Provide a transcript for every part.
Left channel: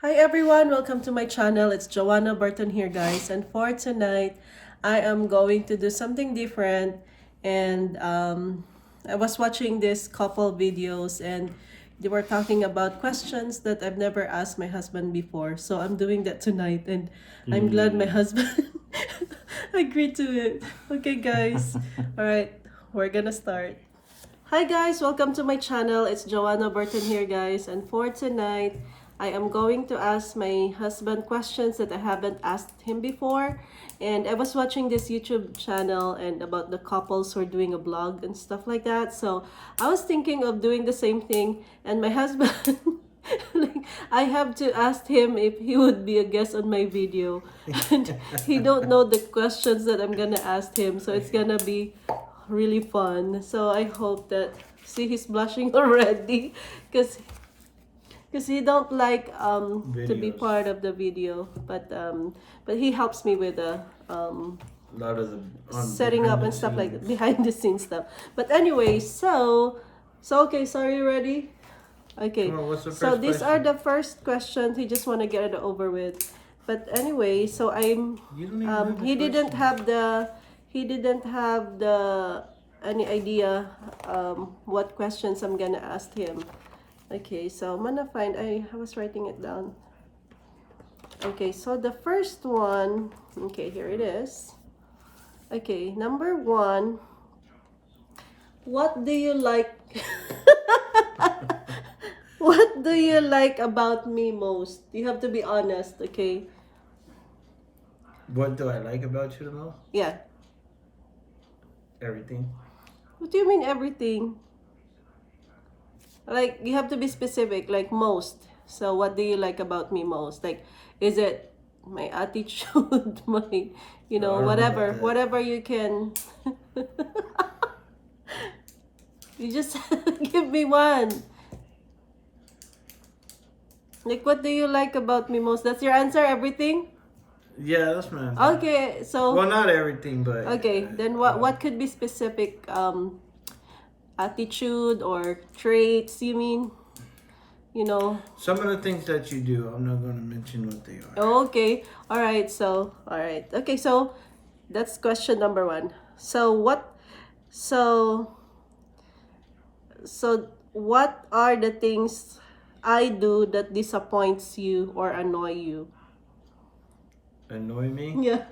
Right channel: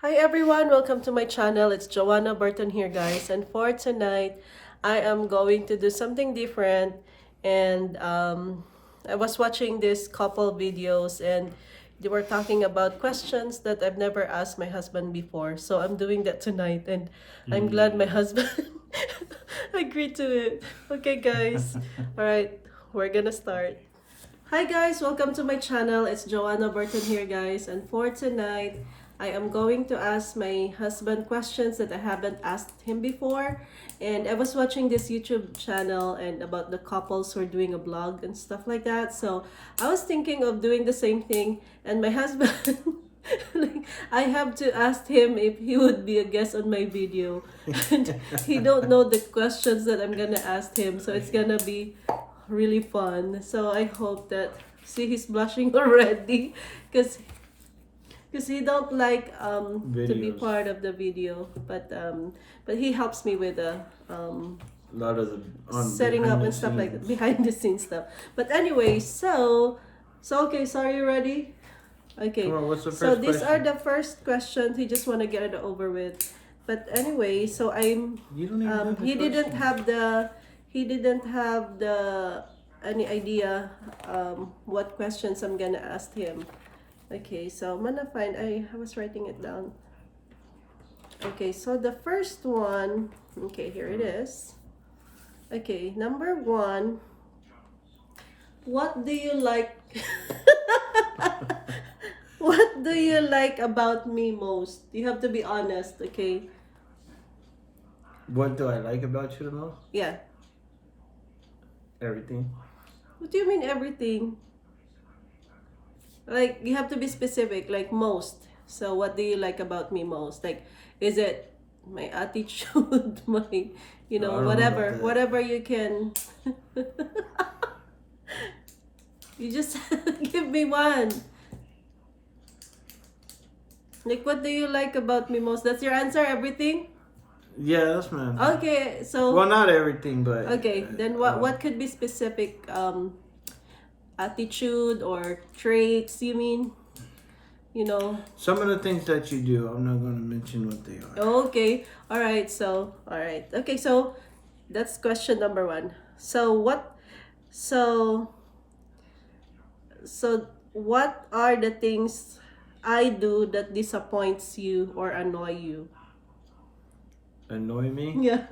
Hi everyone, welcome to my channel. It's Joanna Burton here, guys. And for tonight, I am going to do something different. And I was watching this couple videos and they were talking about questions that I've never asked my husband before. So I'm doing that tonight and I'm glad my husband agreed to it. Okay, guys. All right, we're gonna start. Hi guys, welcome to my channel. It's Joanna Burton here, guys. And for tonight, I am going to ask my husband questions that I haven't asked him before. And I was watching this YouTube channel and about the couples who are doing a blog and stuff like that. So I was thinking of doing the same thing. And my husband, like, I have to ask him if he would be a guest on my video. And he don't know the questions that I'm gonna ask him. So it's gonna be really fun. So I hope that, see, he's blushing already because he don't like to be Videos. part of the video, but he helps me with the Not as a on setting behind up the and stuff like that, scenes. behind the scenes stuff. But anyway, so okay, so are you ready? Okay. Come on, what's the So first these are question? the first questions. He just want to get it over with. But anyway, so You don't even have the he didn't question. have the any idea what questions I'm gonna ask him. Okay, so I'm gonna find, I was writing it down. Okay, so the first one, okay, here it is. Okay, number one, what do you like? What do you like about me most? You have to be honest, okay? What do I like about you the most? Yeah. Everything. What do you mean everything? Like, you have to be specific, like most. So, what do you like about me most? Like, is it my attitude, my, No, I don't know about whatever, that. whatever you can. You just give me one. Like, what do you like about me most? That's your answer, everything? Yeah, that's my answer. Okay, so, Well, not everything, but okay, then what could be specific attitude or traits, you mean? You know, some of the things that you do, I'm not going to mention what they are. okay. All right. So, all right. Okay. So that's question number one. So so, what are the things I do that disappoints you or annoy you? Annoy me? Yeah.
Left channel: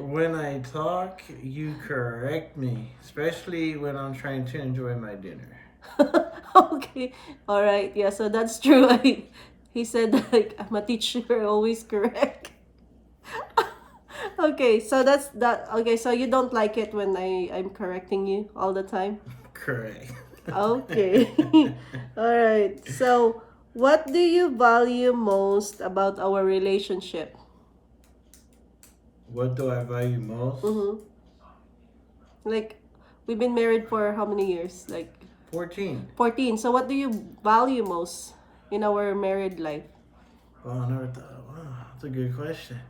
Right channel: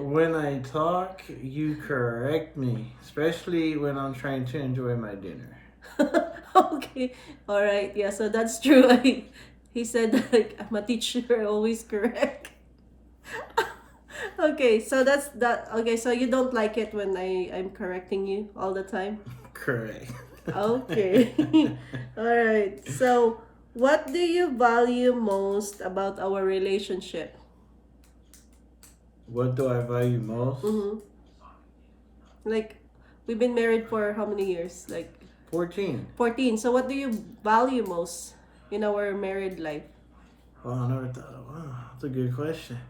When I talk, you correct me, especially when I'm trying to enjoy my dinner. Okay. All right. Yeah. So that's true. He said like I'm a teacher, always correct. Okay. So that's that. Okay. So you don't like it when I'm correcting you all the time. Correct. Okay. All right. So, what do you value most about our relationship? What do I value most? Mm-hmm. Like, we've been married for how many years? Like 14. 14. So, what do you value most in our married life? Oh, I never thought. Wow, that's a good question.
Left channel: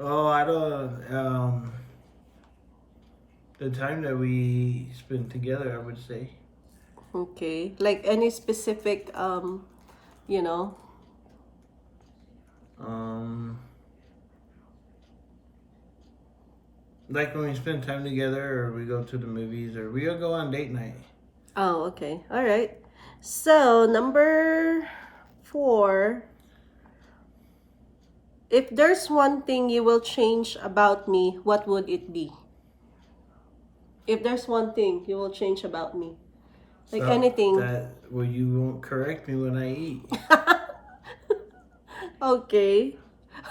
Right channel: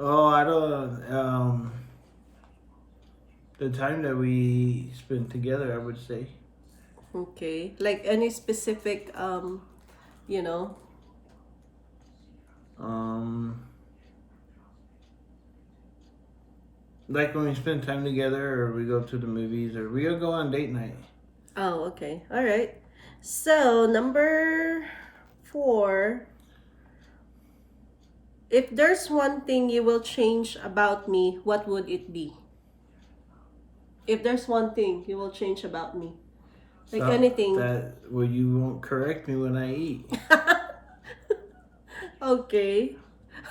Oh, I don't. The time that we spend together, I would say. Okay. Like, any specific, you know, Um, like when we spend time together, or we go to the movies, or we go on date night. oh, okay. All right. So, number 4. If there's one thing you will change about me, what would it be? If there's one thing you will change about me, like So anything. that well, you won't correct me when I eat. Okay.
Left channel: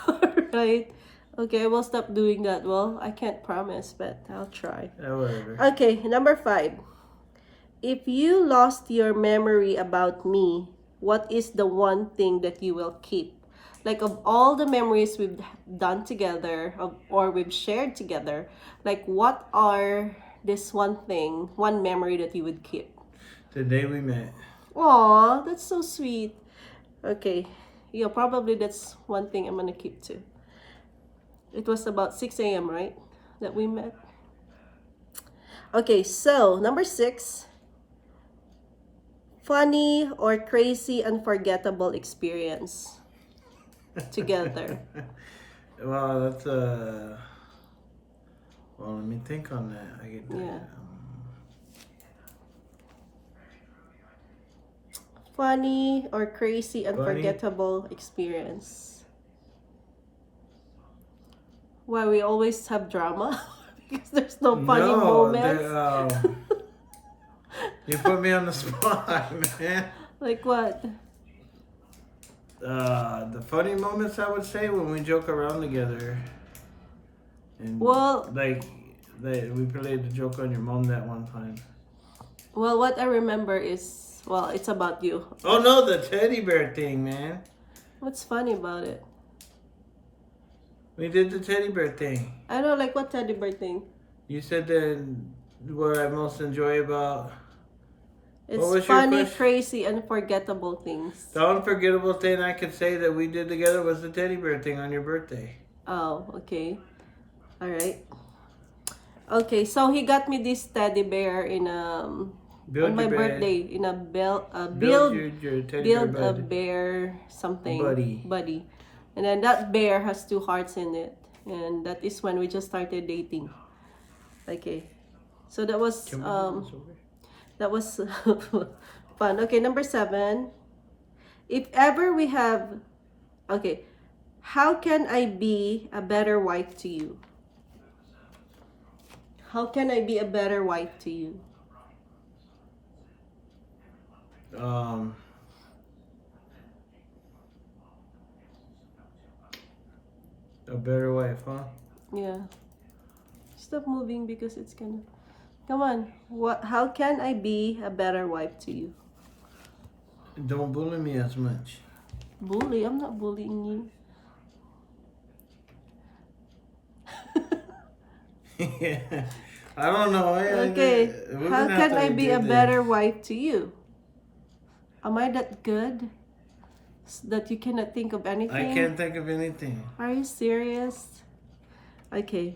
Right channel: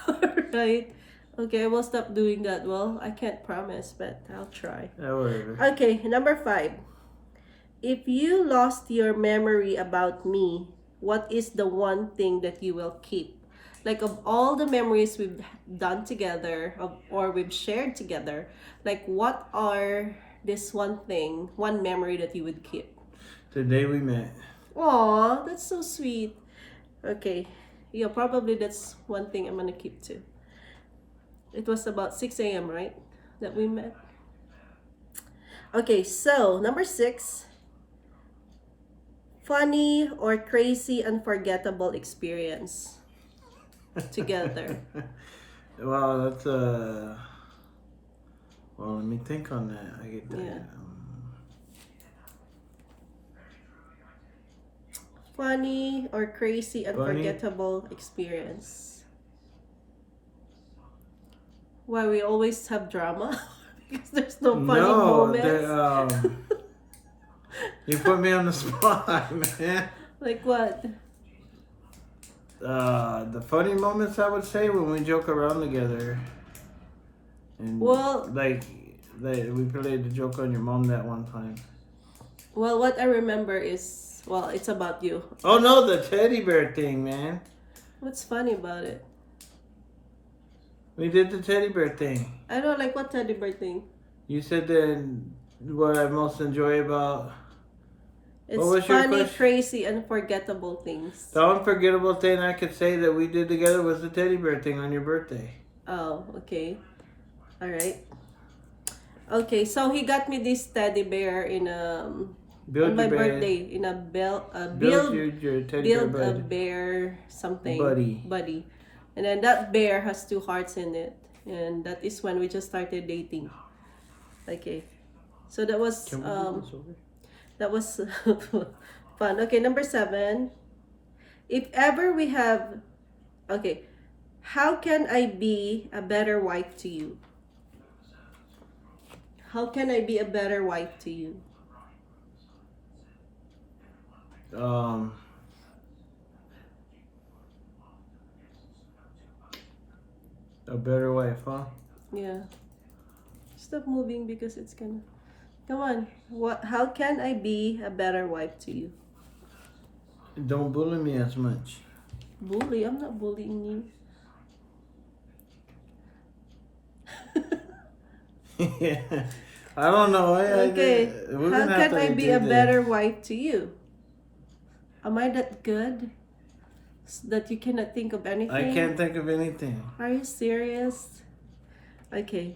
All right. Okay, I will stop doing that. Well, I can't promise, but I'll try. Yeah, whatever. Okay, number 5. If you lost your memory about me, what is the one thing that you will keep? Like, of all the memories we've done together, or we've shared together, like, what are this one thing, one memory that you would keep? The day we met. Aw, that's so sweet. Okay. Yeah, probably that's one thing I'm gonna keep too. It was about 6 a.m., right? That we met. Okay, so number 6. Funny or crazy, unforgettable experience together. Well, that's well, let me think on that. I get that. Yeah. Funny or crazy, Funny. unforgettable experience. Why we always have drama? Because there's no funny No, moments. you put me on the spot, man. Like what? The funny moments, I would say, when we joke around together. And Well, like we played the joke on your mom that one time. well, what I remember is, well, it's about you. Oh no, the teddy bear thing, man. What's funny about it? We did the teddy bear thing. I don't like what teddy bear thing. You said that what I most enjoy about. It's What was your funny, question? crazy, unforgettable things. The unforgettable thing I could say that we did together was the teddy bear thing on your birthday. Oh, okay. All right. Okay, so he got me this teddy bear in Build on my your bear. birthday in a Build your teddy build bear a bud. bear something Buddy. and then that bear has 2 hearts in it, and that is when we just started dating. Okay, so that was Can we do this over? that was fun. Okay, number 7. If ever we have, okay, how can I be a better wife to you? How can I be a better wife to you? A better wife, huh? Yeah. Stop moving because it's kind of. Come on. What? How can I be a better wife to you? Don't bully me as much. Bully? I'm not bullying you. I don't know. Okay. We're How gonna have can to I be a redo this. better wife to you? Am I that good? That you cannot think of anything? I can't think of anything. Are you serious? Okay.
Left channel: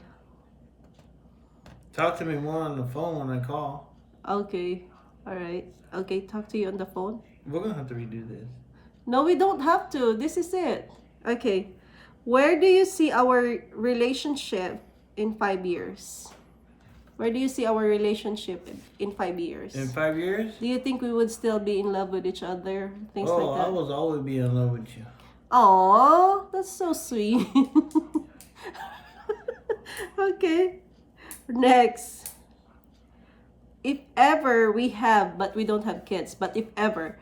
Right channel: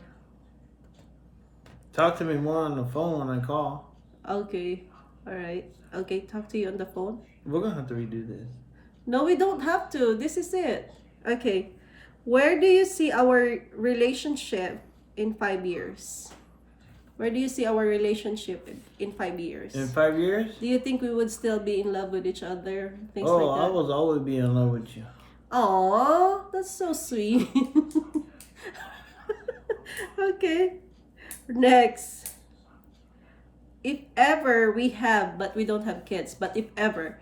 Talk to me more on the phone when I call. Okay. Alright. Okay, talk to you on the phone. We're gonna have to redo this. No, we don't have to. This is it. Okay. Where do you see our relationship in 5 years? Where do you see our relationship in 5 years? In 5 years? Do you think we would still be in love with each other? Things Oh, like I that. will always be in love with you. Aww, that's so sweet. Okay. Next. If ever we have, but we don't have kids, but if ever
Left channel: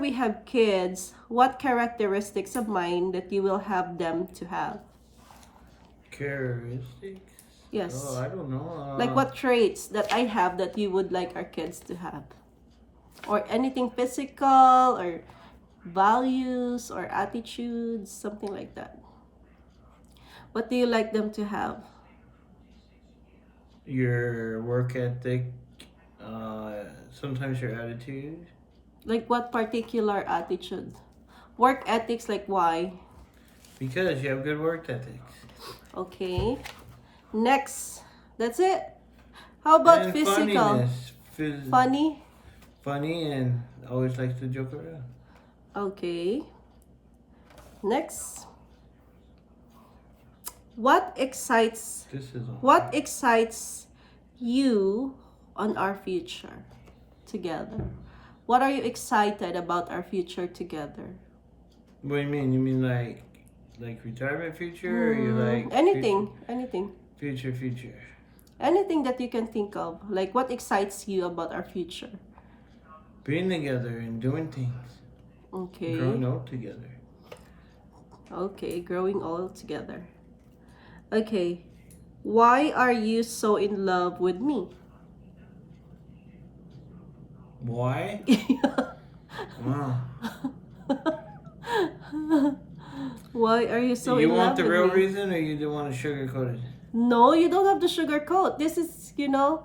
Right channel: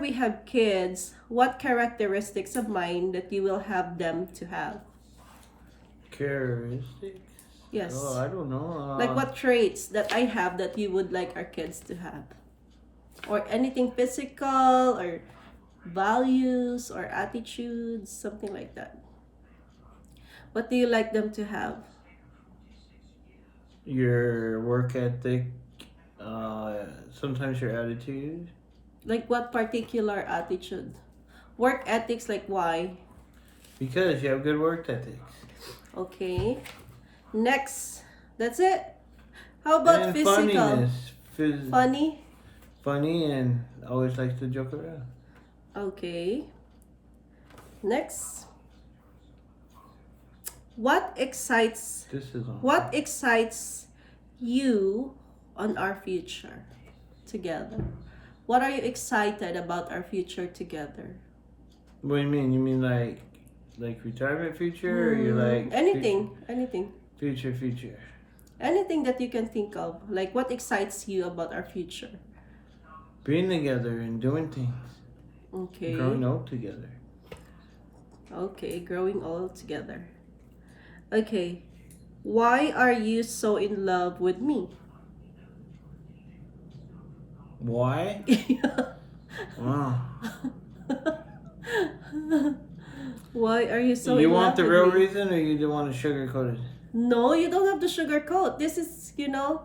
we have kids, what characteristics of mine that you will have them to have? Characteristics? Yes. Oh, I don't know. Like what traits that I have that you would like our kids to have? Or anything physical or values or attitudes, something like that. What do you like them to have? Your work ethic, sometimes your attitude. Like what particular attitude? Work ethics, like why? Because you have good work ethics. Okay. Next. That's it. How about And physical? funniness. Funny? Funny and always likes to joke around. Okay. Next. What excites you on our future together? What are you excited about our future together? What do you mean? You mean like retirement future, or you like anything? Future. Anything that you can think of. Like what excites you about our future? Being together and doing things. Okay. Growing old together. Okay, growing old together. Okay. Why are you so in love with me? Why? Wow. Why are you so You in want love the with real me? reason, or you don't want to sugarcoat it? No, you don't have to sugarcoat. This is, you don't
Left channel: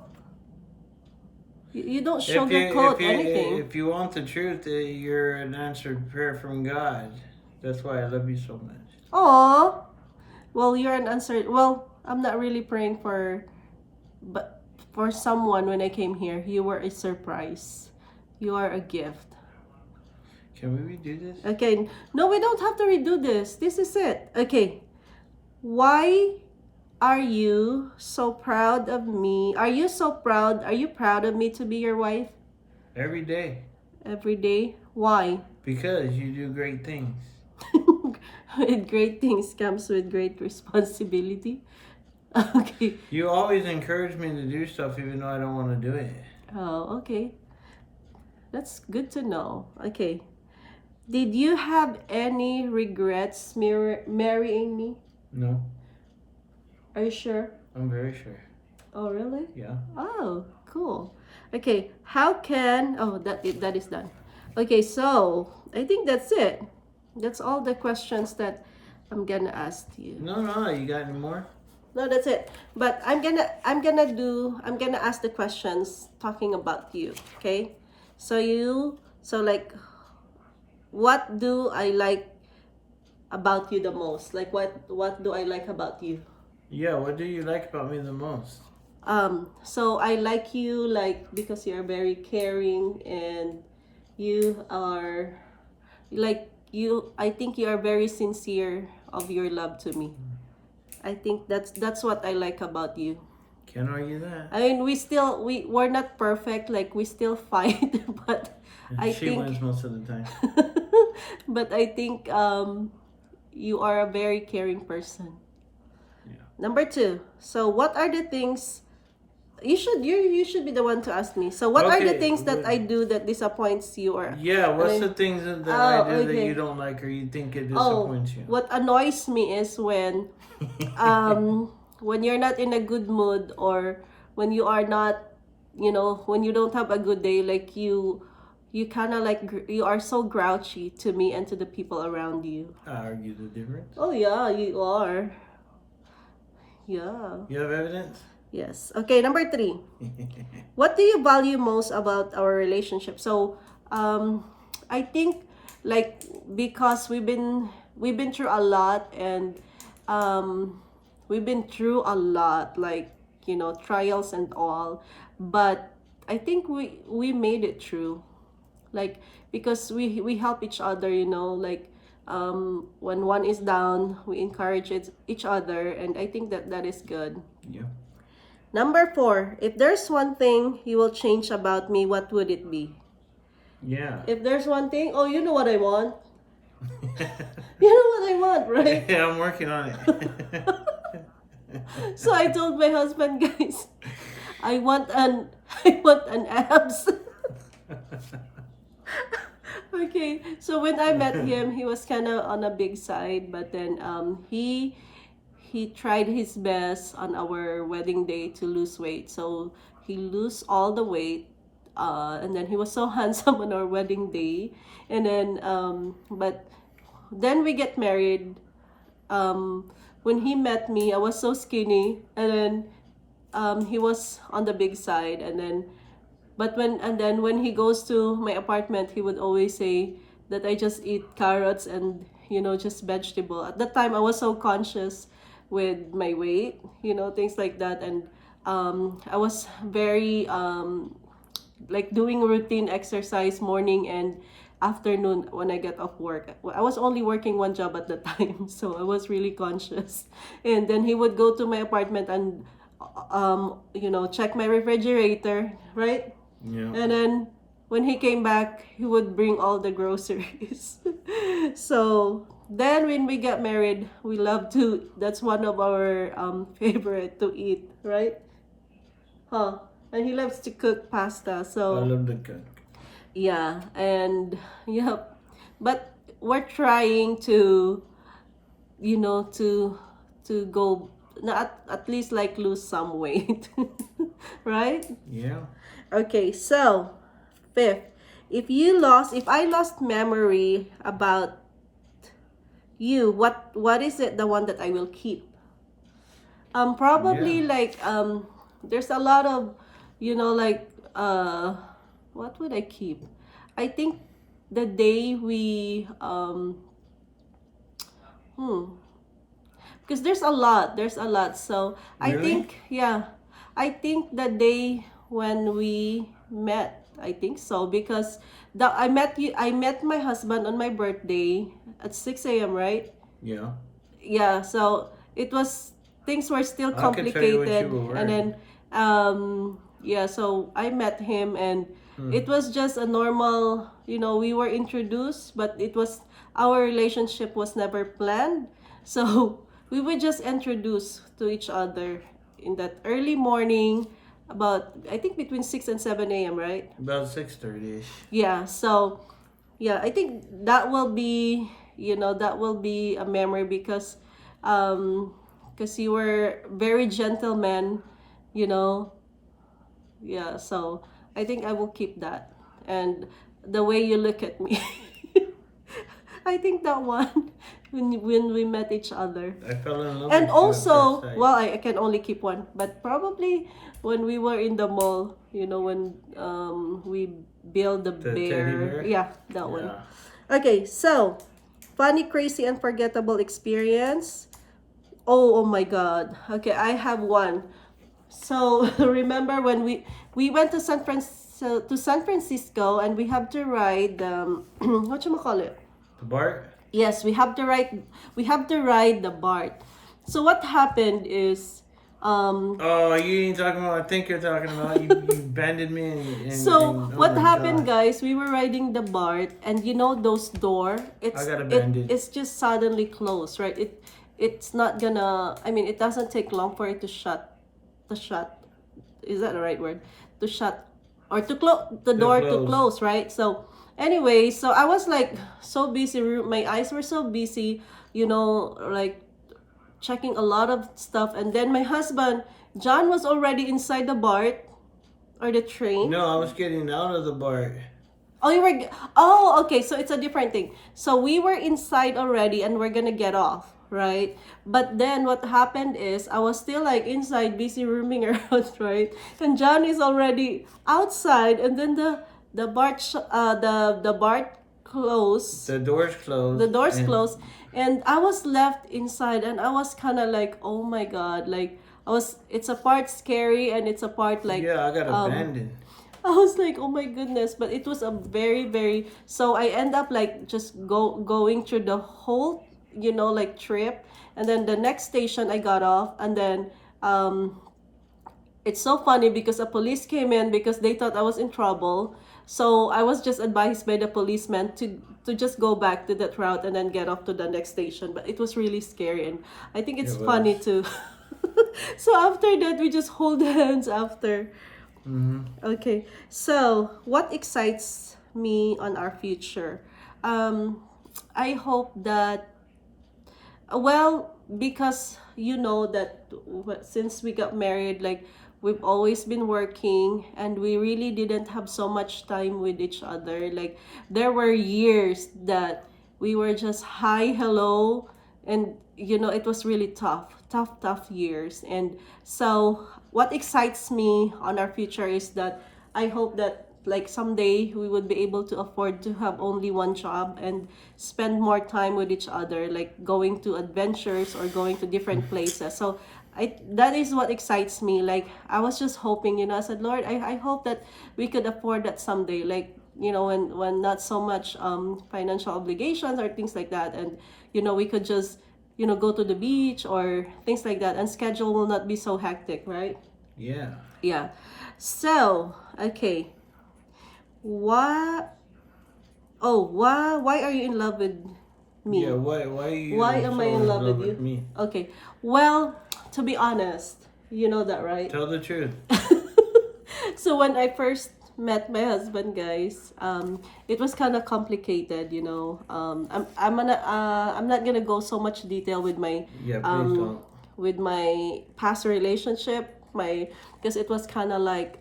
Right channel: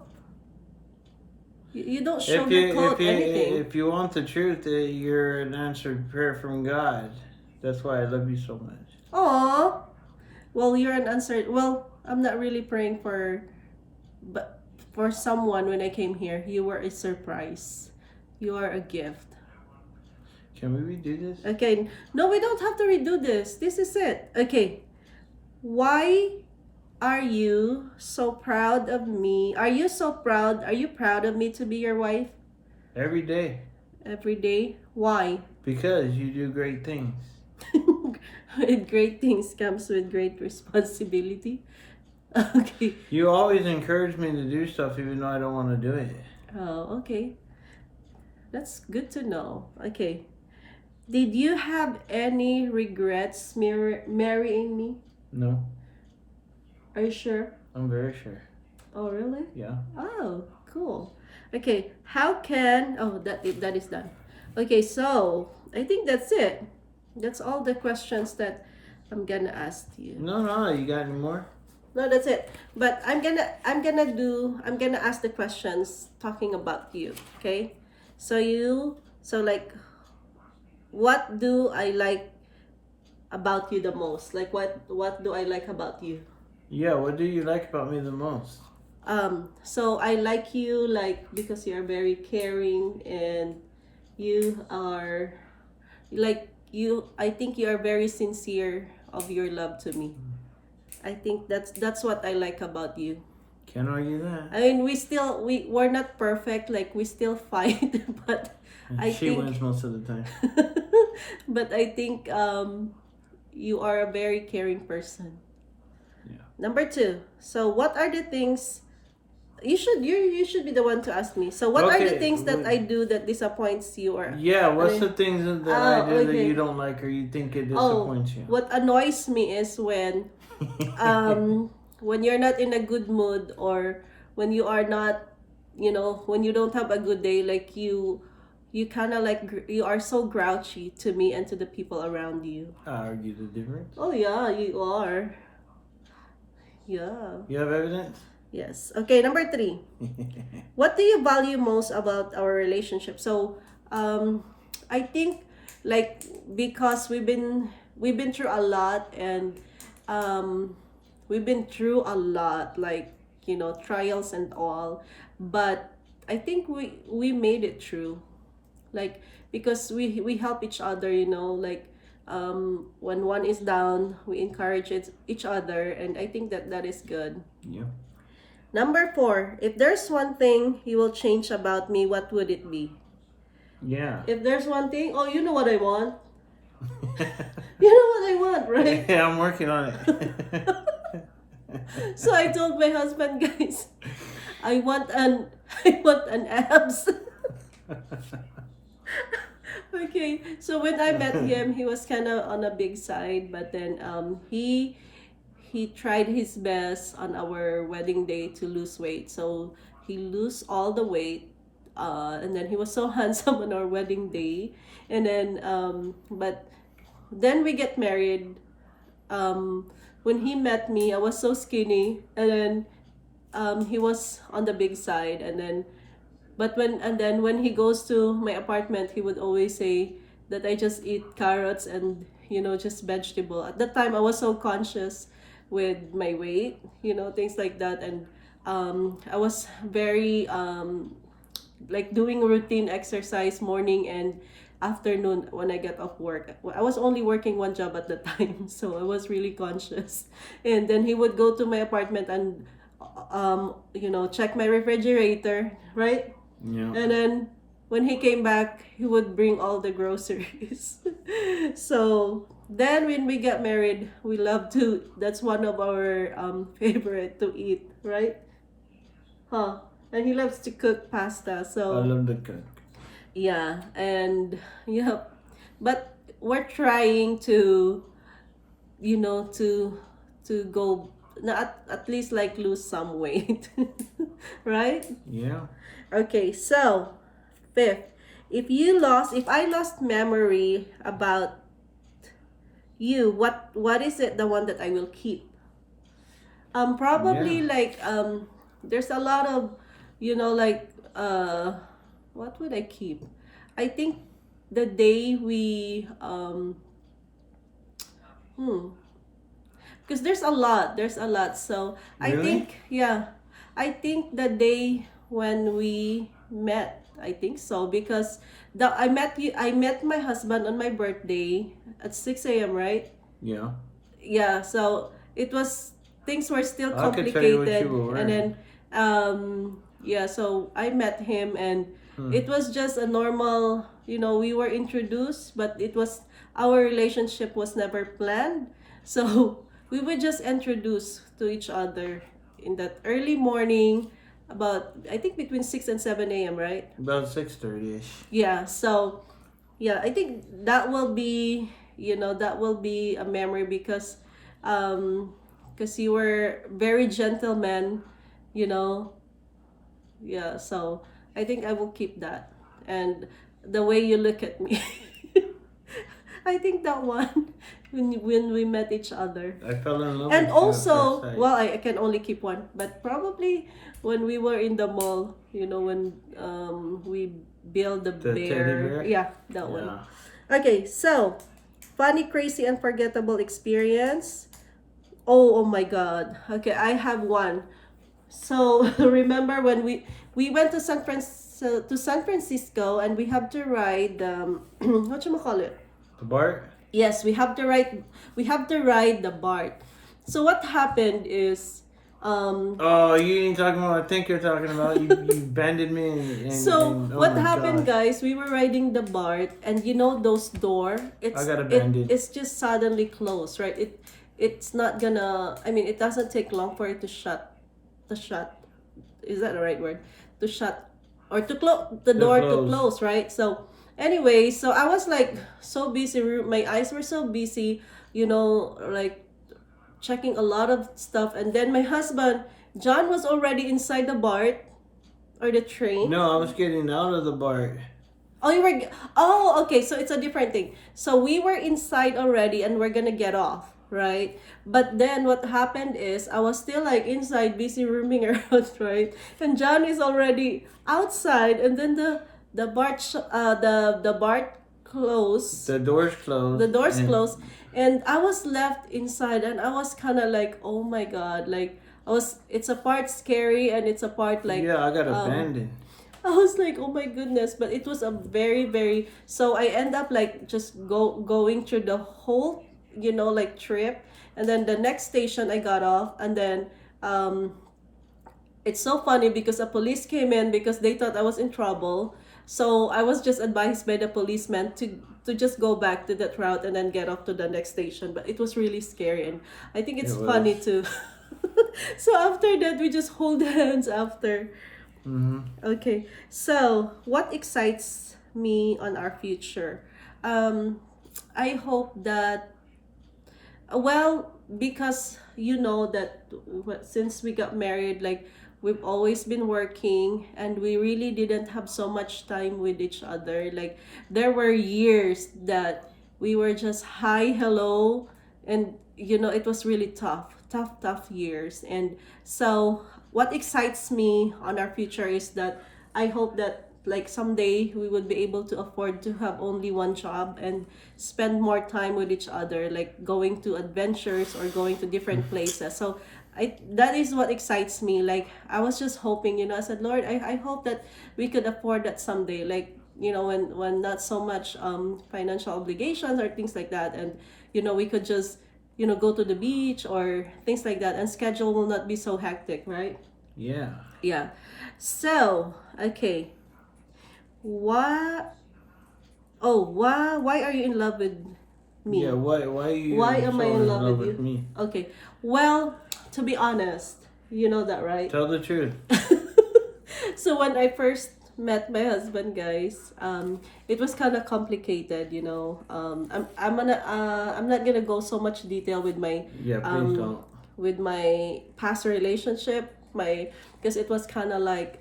sugarcoat anything. If you want the truth, you're an answered prayer from God. That's why I love you so much. Aw. Well, you're an answer. Well, I'm not really praying for, but for someone when I came here, you were a surprise. You are a gift. Can we redo this? Okay, no, we don't have to redo this. This is it. Okay, why are you so proud of me? Are you so proud? Are you proud of me to be your wife? Every day. Every day? Why? Because you do great things. With great things comes with great responsibility. Okay. You always encourage me to do stuff even though I don't want to do it. Oh, okay. That's good to know. Okay. Did you have any regrets marrying me? No, Are you sure? I'm very sure. Oh, really? Yeah. Oh, cool. Okay, how can that is done. Okay, so I think that's it. That's all the questions that I'm gonna ask you. No, you got any more? No, that's it. But I'm gonna ask the questions talking about you. Okay, so like, what do I like about you the most? Like, what do I like about you? Yeah, what do you like about me the most? So I like you like because you're very caring, and you are like you I think you are very sincere of your love to me. I think that's what I like about you. Can't argue that. I mean, we're not perfect, like we still fight, but I She think wins most of the time. but I think you are a very caring person. Yeah. Number 2. So what are the things you should be the one to ask me. So what are the Okay, things that I do that disappoints you, or Yeah, what's the things that I do that okay. you don't like or you think it Oh, disappoints you? what annoys me is when you're not in a good mood, or when you are not, when you don't have a good day, like you kind of like you are so grouchy to me and to the people around you. I argue the difference. Oh yeah, you are. Yeah. You have evidence? Yes. Okay, number 3. What do you value most about our relationship? So, I think, like, because we've been through a lot, and we've been through a lot, like, trials and all, but I think we made it through, like, because we help each other, like, when one is down, we encourage each other, and I think that is good. Yeah. Number 4, if there's one thing you will change about me, what would it be? Yeah. If there's one thing, oh, you know what I want. You know what I want, right? Yeah, I'm working on it. So I told my husband, guys, I want an abs. Okay, so when I met him, he was kind of on a big side, but then he tried his best on our wedding day to lose weight. So he lose all the weight, and then he was so handsome on our wedding day. And then, but then we get married. When he met me, I was so skinny, and then he was on the big side. And then, when he goes to my apartment, he would always say that I just eat carrots and just vegetable. At that time, I was so conscious with my weight, things like that, and I was very like doing routine exercise morning and afternoon when I get off work. I was only working one job at the time, so I was really conscious. And then he would go to my apartment and check my refrigerator, right? Yeah. And then when he came back, he would bring all the groceries. So then when we got married, we love to, that's one of our favorite to eat, right? Huh? And he loves to cook pasta. I So love the cook. yeah, and yeah, but we're trying to, to go, not at least like lose some weight, right? Yeah. Okay, so 5th, if I lost memory about you, what is it, the one that I will keep? Probably Yeah. like there's a lot of, like what would I keep? I think the day we because there's a lot. So I Really? think, yeah, I think the day when we met, I think so, because I met my husband on my birthday at 6 a.m., right? Yeah. Yeah, so it was, things were still I could tell you what you complicated, were and then wearing. yeah, so I met him, and Hmm. it was just a normal, we were introduced, but it was, our relationship was never planned. So we were just introduced to each other in that early morning, about, I think, between 6 and 7 a.m., right? About 6:30ish. Yeah, so yeah, I think that will be, that will be a memory, um because you were very gentleman, you know. Yeah, so I think I will keep that. And the way you look at me, I think that one, when we met each other. I fell in love And with you at first also, sight. well, I can only keep one, but probably when we were in the mall, when we build the The teddy bear. bear? Yeah, that one. Yeah. Okay, so funny, crazy, unforgettable experience. Oh my God. Okay, I have one. So remember when we went to San Francisco, and we have to ride what you call it? The Bart? Yes, we have to ride the BART. So what happened is, Oh, you ain't talking about. I think you're talking about. You bended me so and oh what my happened, gosh, guys, we were riding the BART, and those door, I got it bended. it's just suddenly closed, right? It's not gonna, I mean, it doesn't take long for it to shut. Is that the right word? To shut, or to close the The door, to clothes. close, right? So anyway, so I was like so busy, my eyes were so busy, like checking a lot of stuff, and then my husband John was already inside the BART, or the train. No, I was getting out of the Bart. Oh, you were. Oh, okay. So it's a different thing. So we were inside already, and we're gonna get off, right? But then what happened is, I was still like inside, busy roaming around, right? And John is already outside, and then the BART closed. The doors The closed, doors and closed, and I was left inside, and I was kind of like, oh my God, like I was. It's a part scary, and it's a part like, yeah, I got abandoned. I was like, oh my goodness, but it was a very, very, so I end up like just going through the whole, like trip. And then the next station I got off, and then it's so funny because a police came in because they thought I was in trouble. So I was just advised by the policeman to just go back to that route and then get off to the next station. But it was really scary, and I think It it's was. funny too. So after that, we just hold hands after. Okay, so what excites me on our future? Um, I hope that, well, because that since we got married, like we've always been working, and we really didn't have so much time with each other. Like there were years that we were just hi, hello, and it was really tough years. And so what excites me on our future is that I hope that like someday we would be able to afford to have only one job and spend more time with each other, like going to adventures or going to different places. So that is what excites me. Like I was just hoping, I said, Lord, I hope that we could afford that someday, like when not so much financial obligations or things like that, and we could just go to the beach or things like that, and schedule will not be so hectic, right? Yeah. Yeah. So okay, what why are you in love with Yeah. me? Why are Why you am I so in in love love with with you? me? Okay. Well, to be honest, you know that, right? Tell the truth. So when I first met my husband, guys, it was kind of complicated, I'm not gonna go so much detail with my Yeah, please um don't. with my past relationship, because it was kind of like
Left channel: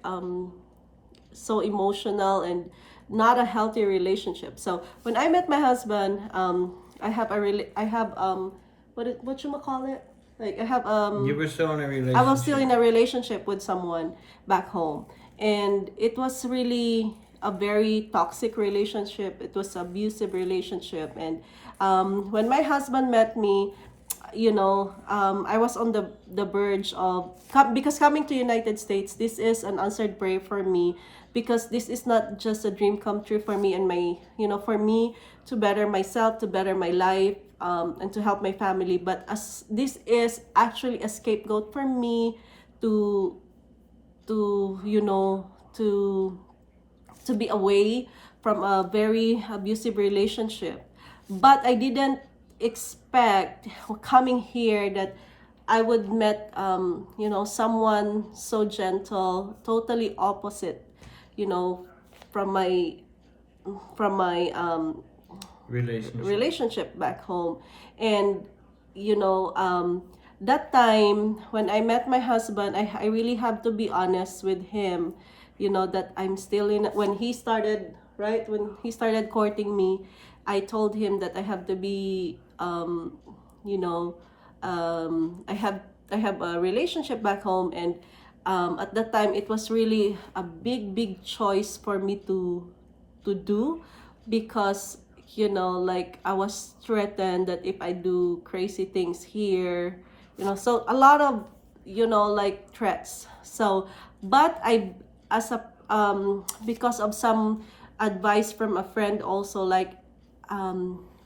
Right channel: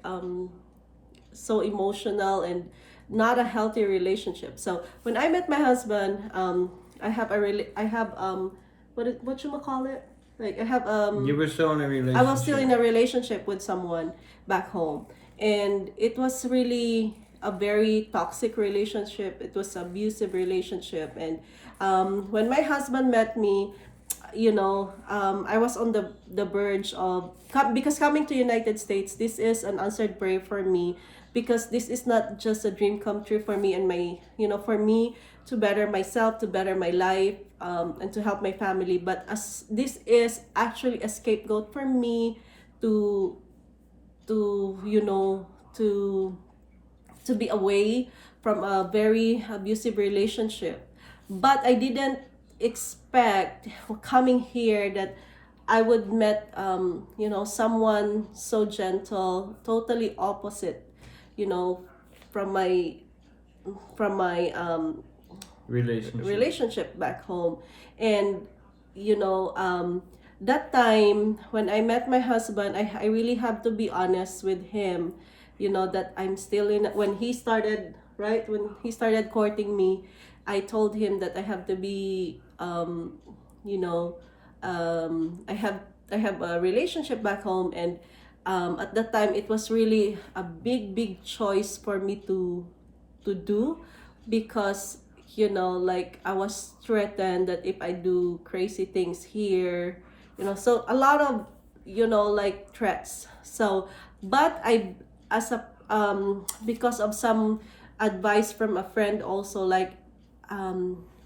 so emotional and not a healthy relationship. So when I met my husband, I have what you call it? Like I have You were still in a I was still relationship. in a relationship with someone back home, and it was really a very toxic relationship. It was abusive relationship, and when my husband met me, I was on the verge of, because coming to United States, this is an answered prayer for me, because this is not just a dream come true for me and my, for me to better myself, to better my life, and to help my family, but as this is actually a scapegoat for me to to be away from a very abusive relationship. But I didn't expect coming here that I would met someone so gentle, totally opposite, you know, from my Relationship. relationship back home. And that time when I met my husband, I really have to be honest with him, that I'm still in. When he started, right, when he started courting me, I told him that I have to be, you know I have a relationship back home. And at that time it was really a big choice for me to do, because like I was threatened that if I do crazy things here, so a lot of like threats. So but I, as a because of some advice from a friend also, like,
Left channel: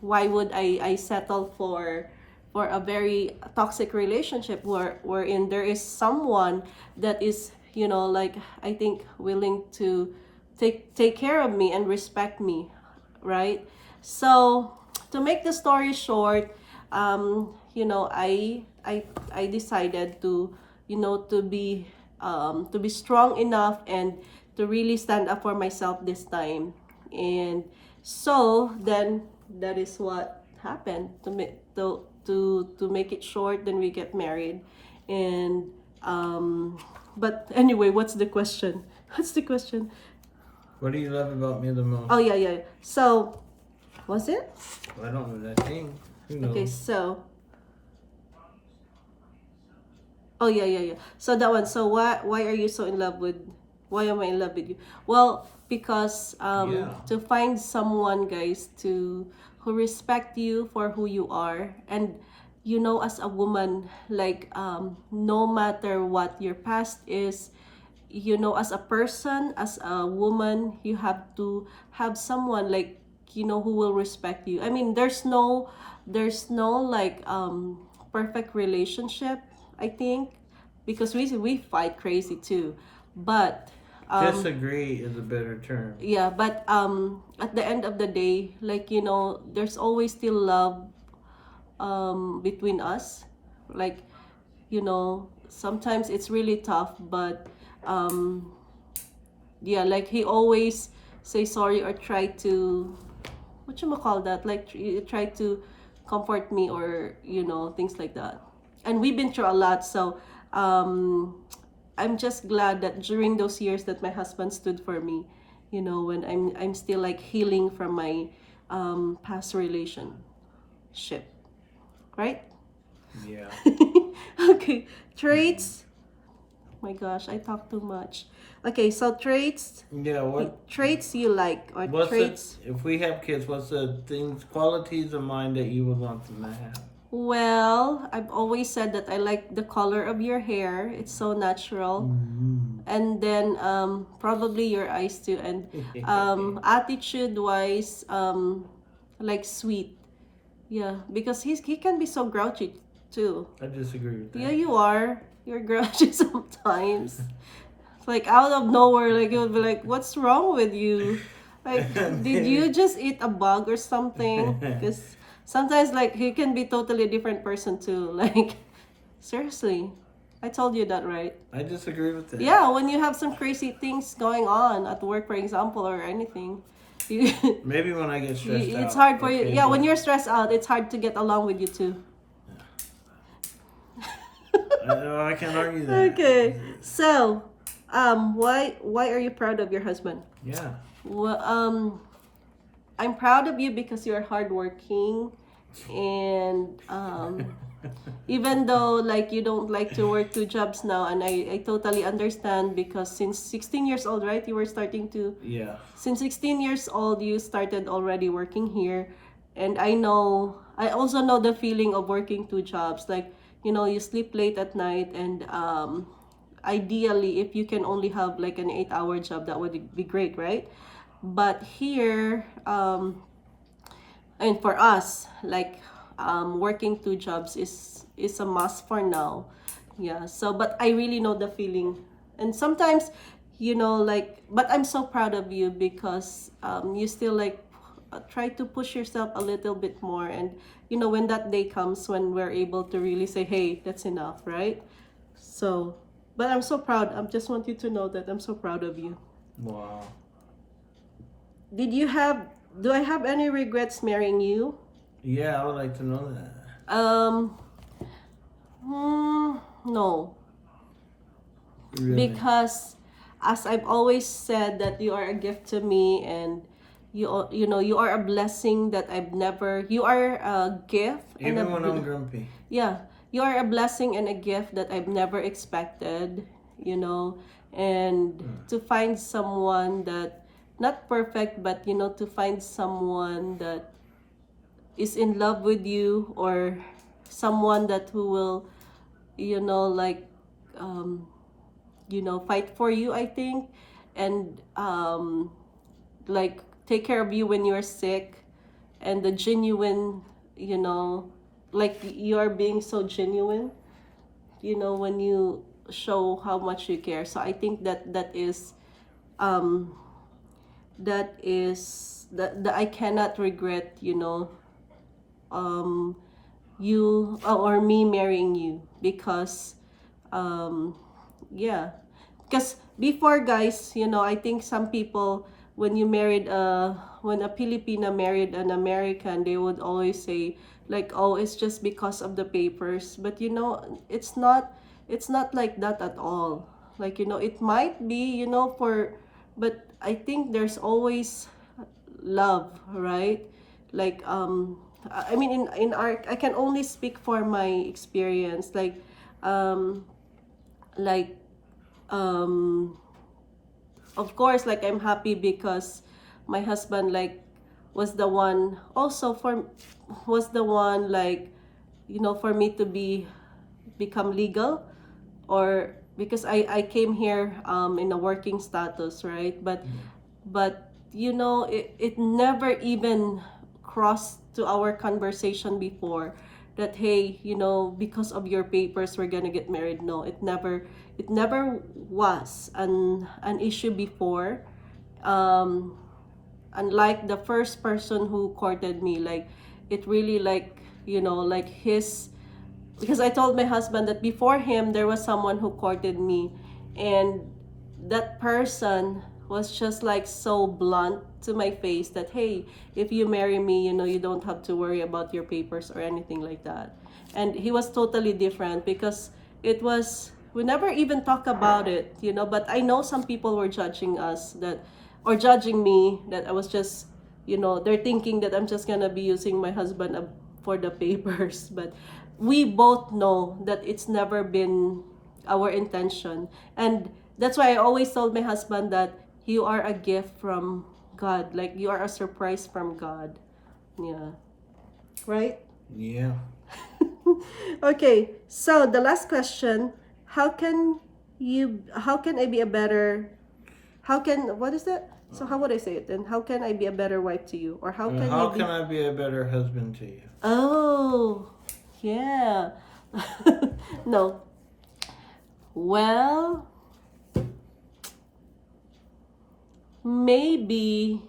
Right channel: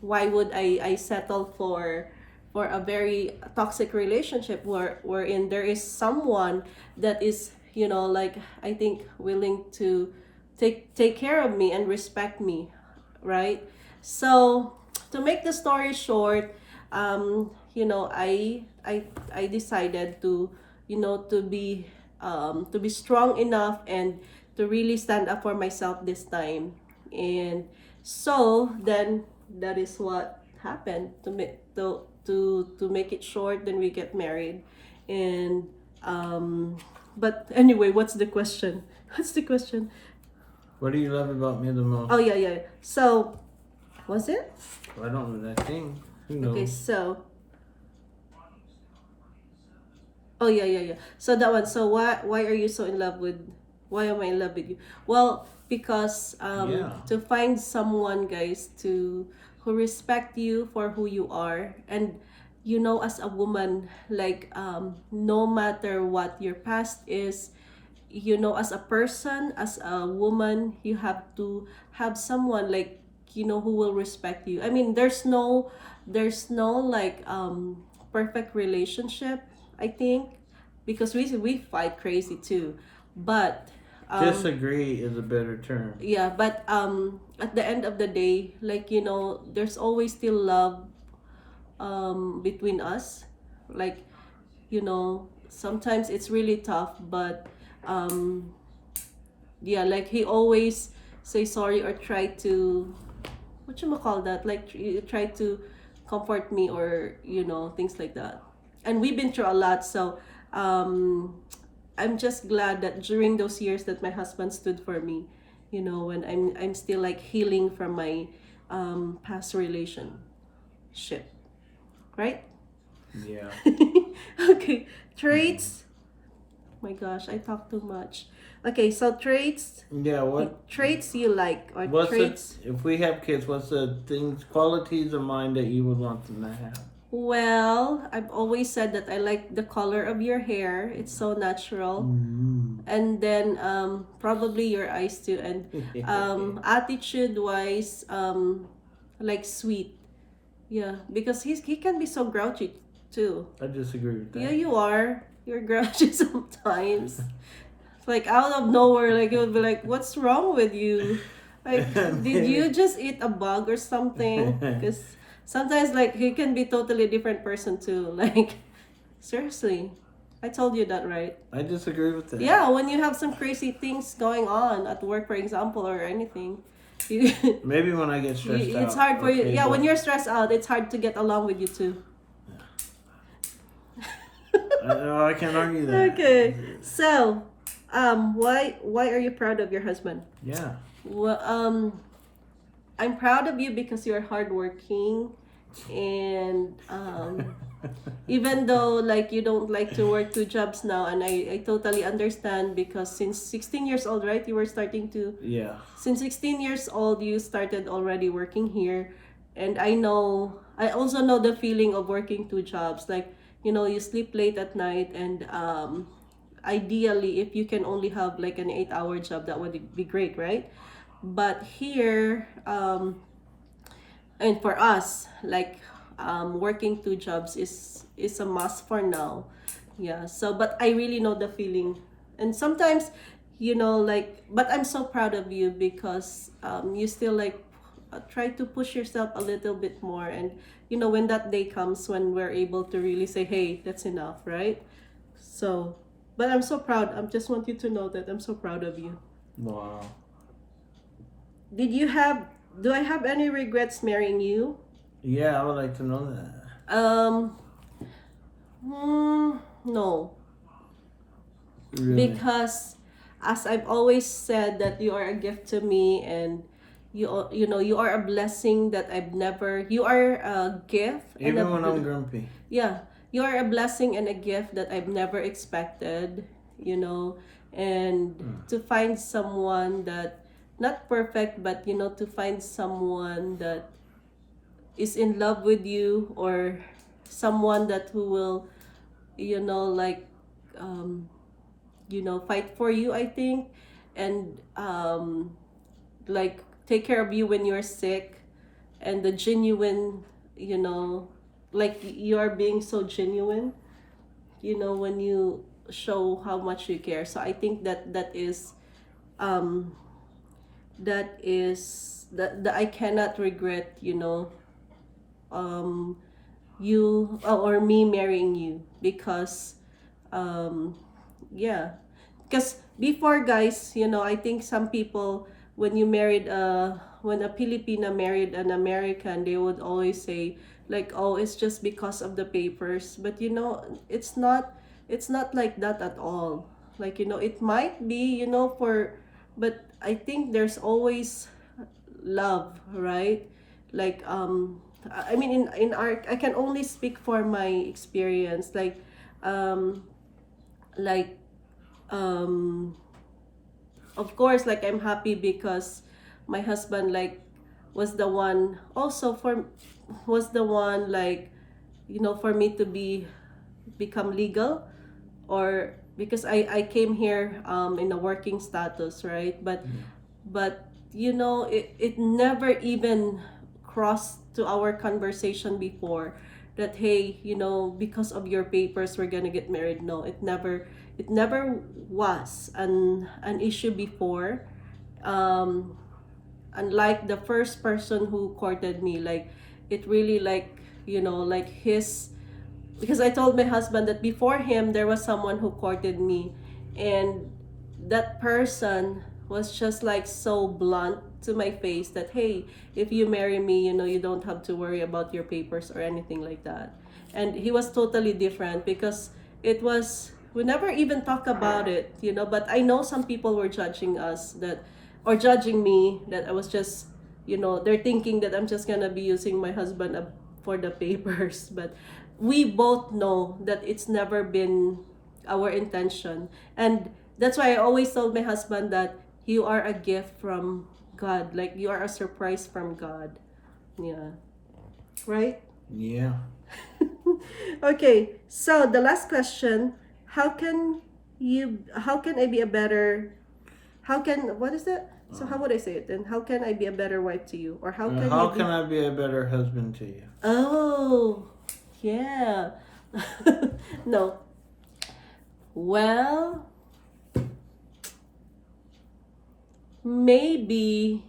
why would I settle for a very toxic relationship wherein there is someone that is, like, I think willing to take care of me and respect me, right? So to make the story short, I decided to, to be strong enough and to really stand up for myself this time. And so then that is what happened. To make it short, then we get married. And but anyway, what's the question? What's the question? What do you love about me the most? Oh, yeah. So was it I don't know that thing. Who knows? okay? So oh, yeah. So that one. So why are you so in love with? Why am I in love with you? Well, because Yeah. to find someone, guys, to who respect you for who you are. And as a woman, like, no matter what your past is, as a person, as a woman, you have to have someone, like, who will respect you. I mean, there's no like perfect relationship, I think, because we fight crazy too. But Disagree is a better term. yeah, but at the end of the day, like, there's always still love between us. Like, sometimes it's really tough, but yeah, like, he always say sorry or try to, what you call that, like, try to comfort me, or things like that. And we've been through a lot. So I'm just glad that during those years that my husband stood for me, when I'm still like healing from my past relationship, right? Yeah. Okay, traits. My gosh, I talk too much. Okay, so traits Yeah. traits you like, or What's traits. if we have kids? What's the things, qualities of mine that you would want them to have? Well, I've always said that I like the color of your hair. It's so natural. And then probably your eyes too. And attitude wise, like sweet. Yeah, because he can be so grouchy too. I disagree with that. Yeah, you are. You're grouchy sometimes. It's like out of nowhere, like you'll be like, "What's wrong with you? Like, did you just eat a bug or something?" Because sometimes, like, he can be totally different person too. Like, seriously, I told you that, right? I disagree with that. Yeah, when you have some crazy things going on at work, for example, or anything, you, Maybe when I get stressed out. it's hard for you. okay, Yeah, but when you're stressed out, it's hard to get along with you too. I can't argue that. Okay, so why are you proud of your husband? Yeah. Well, I'm proud of you because you're hardworking, and even though, like, you don't like to work two jobs now, and I totally understand, because since 16 years old, right, you were starting to. Yeah. Since 16 years old, you started already working here. And I also know the feeling of working two jobs. Like, you sleep late at night, and ideally, if you can only have like an 8-hour job, that would be great, right? But here, and for us, like, working 2 jobs is a must for now. Yeah. So, but I really know the feeling, and sometimes, like, but I'm so proud of you because you still like try to push yourself a little bit more, and when that day comes when we're able to really say, hey, that's enough, right? So, but I'm so proud. I just want you to know that I'm so proud of you. Wow. Did you have? Do I have any regrets marrying you? Yeah, I would like to know that. No, Really? because as I've always said that you are a gift to me, and you are a blessing that I've never. You are a gift and Even when I'm grumpy. yeah, you are a blessing and a gift that I've never expected. And to find someone that not perfect, but to find someone that is in love with you, or someone that who will like fight for you, I think, and like take care of you when you're sick, and the genuine, like you are being so genuine, when you show how much you care. So I think um that I cannot regret, um you or me marrying you, because yeah, because before, guys, I think some people, when you married when a Filipina married an American, they would always say like, oh, it's just because of the papers. But it's not like that at all. Like, it might be, but I think there's always love, right? Like, I mean, in our, I can only speak for my experience, um like um of course, like, I'm happy because my husband, like, was the one also for was the one, like, for me to become legal, or because I came here in a working status, right? But it never even crossed to our conversation before that, hey, because of your papers we're gonna get married. No, it never was an issue before. um Unlike the first person who courted me, like, it really, like, like his, because I told my husband that before him there was someone who courted me, and that person was just like so blunt to my face that, hey, if you marry me, you don't have to worry about your papers or anything like that. And he was totally different, because it was, we never even talk about it, but I know some people were judging us, that, or judging me, that I was just, they're thinking that I'm just gonna be using my husband for the papers. But we both know that it's never been our intention. And that's why I always told my husband that you are a gift from God. Like, you are a surprise from God. Yeah. Right? Yeah. Okay. So the last question, how can I be a better, what is that? So how would I say it then? How can I be a better wife to you? Or how can How you be... can I be a better husband to you? Oh, yeah. No. Well, maybe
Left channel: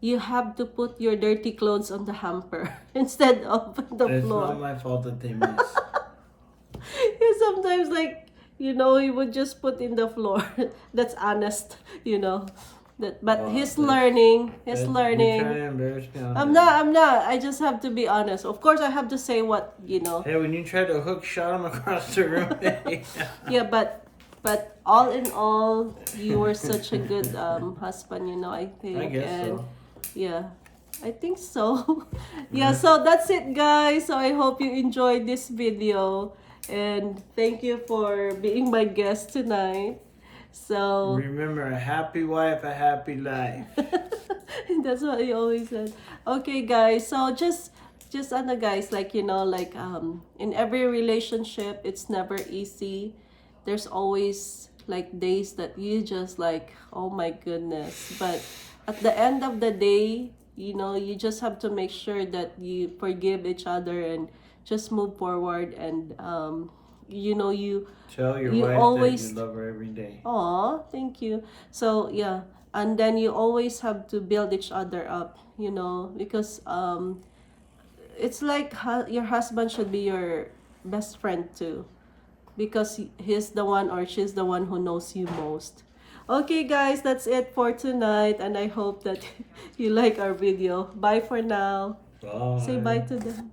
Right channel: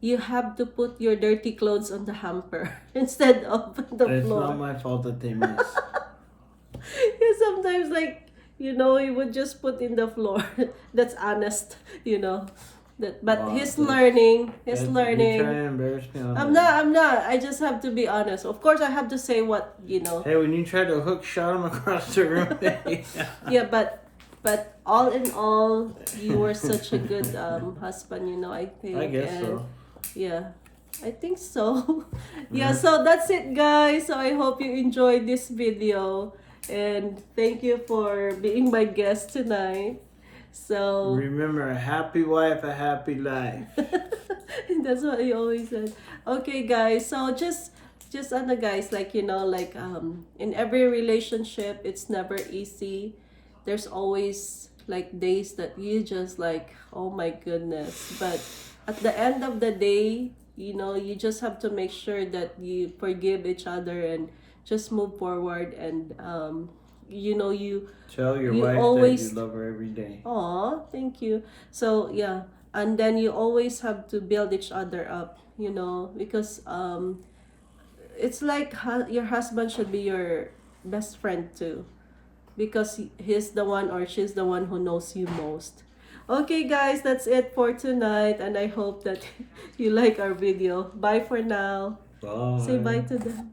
you have to put your dirty clothes on the hamper instead of the It's floor. not my fault that they miss. Sometimes, like, he would just put in the floor. That's honest, but Wow, he's that's- learning. You're trying to embarrass me on I'm that. not. I'm not. I just have to be honest. Of course, I have to say what. Hey, when you tried to hook shot him across the room. Yeah, but all in all, you were such a good husband. I think. I guess and so. Yeah, I think so. Yeah. So that's it, guys. So I hope you enjoyed this video, and thank you for being my guest tonight. So Remember, a happy wife, a happy life. that's what he always said. Okay, guys. So just guys, like, like, in every relationship, it's never easy. there's always like days that you just like, oh my goodness. But at the end of the day, you know, you just have to make sure that you forgive each other and just move forward. And you know, Tell your you wife that you always, love her every day. oh, thank you. So yeah, and then you always have to build each other up, you know, because it's like your husband should be your best friend too, because he's the one or she's the one who knows you most. Okay, guys, that's it for tonight, and I hope that you like our video. Bye for now. Say bye Bye. to them.